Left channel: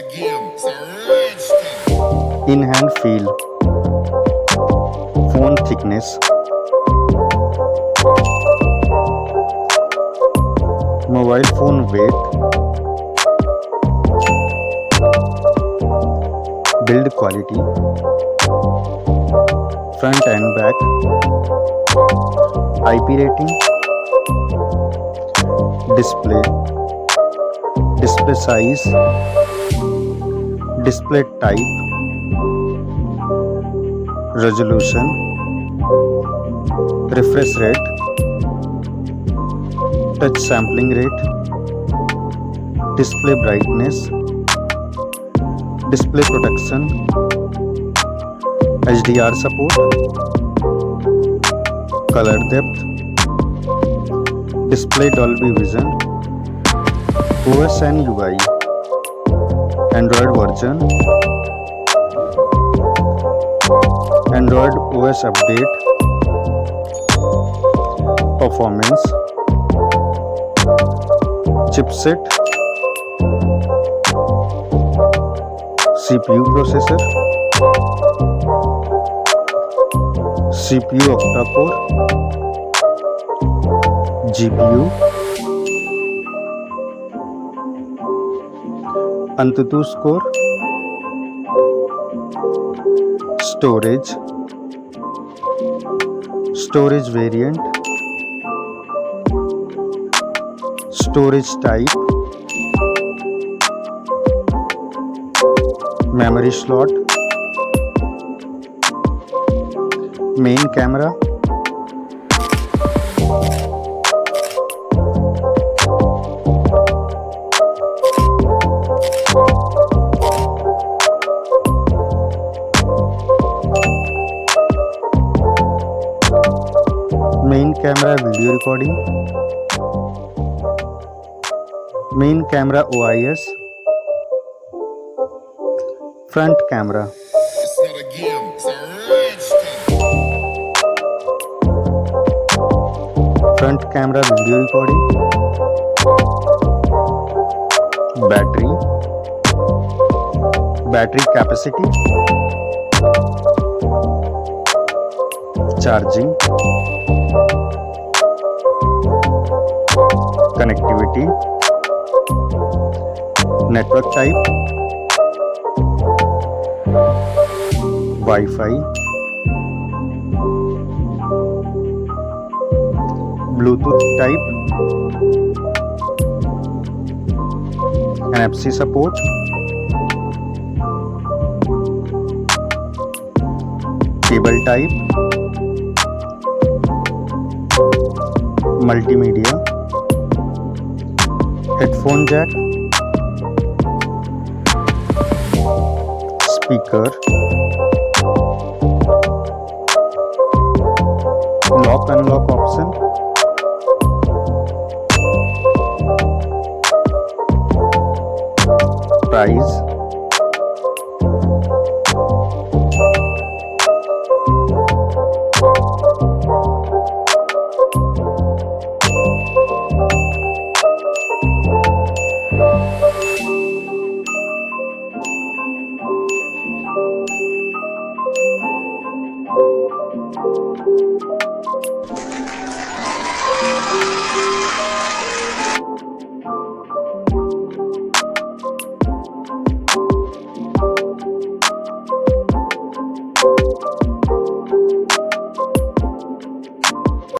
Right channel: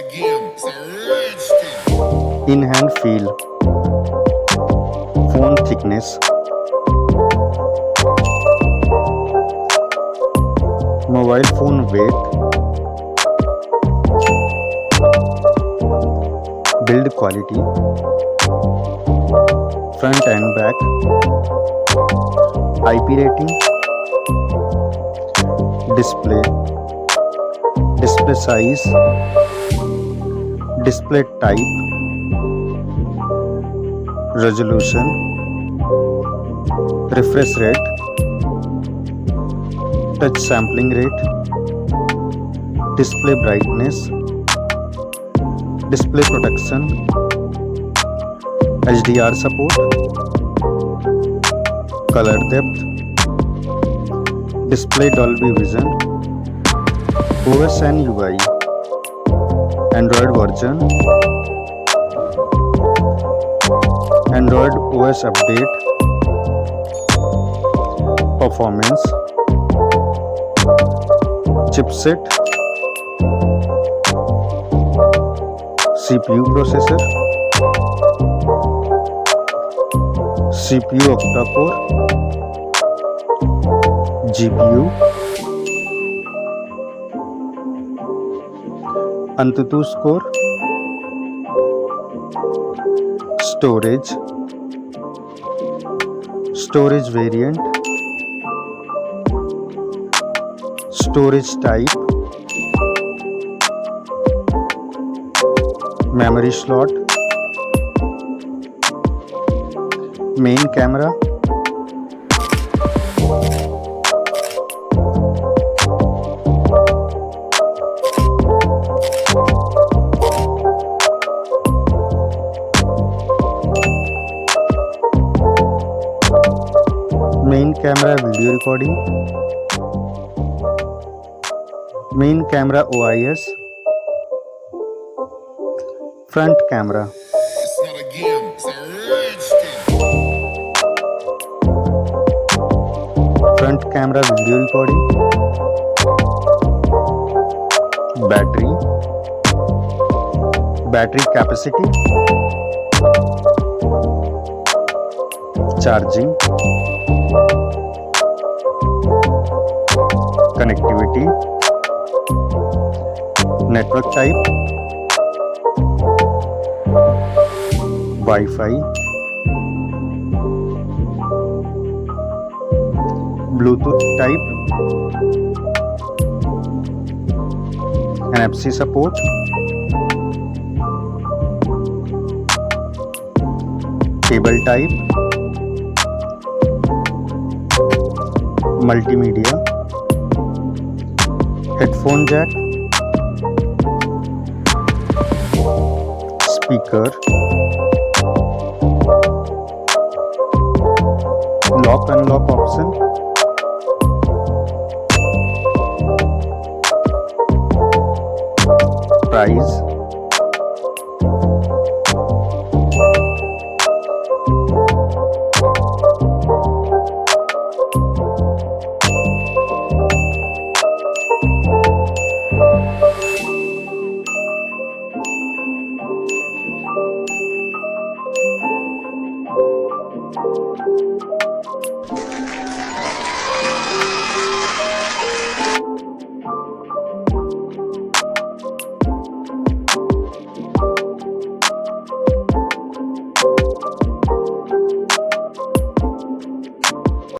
not a game, it's a rich thing. In hand feel, phone thickness, mobile phone weight, build quality, front and back, IP rating, display size, display type, resolution, refresh rate, touch sampling rate, display brightness, display protection, HDR support, color depth, display Dolby Vision, OS and UI, Android version, Android OS update, performance, chipset, CPU processor, CPU octa-core, GPU, AnTuTu score, storage variant, storage type, memory slot, main camera, main camera video recording, main camera OIS, front camera, It's not a game, it's a rich thing. front camera video recording, battery capacity, charging, connectivity, network type, Wi-Fi, Bluetooth type, NFC support, cable type, multimedia, headphone jack, speaker, lock unlock option, price,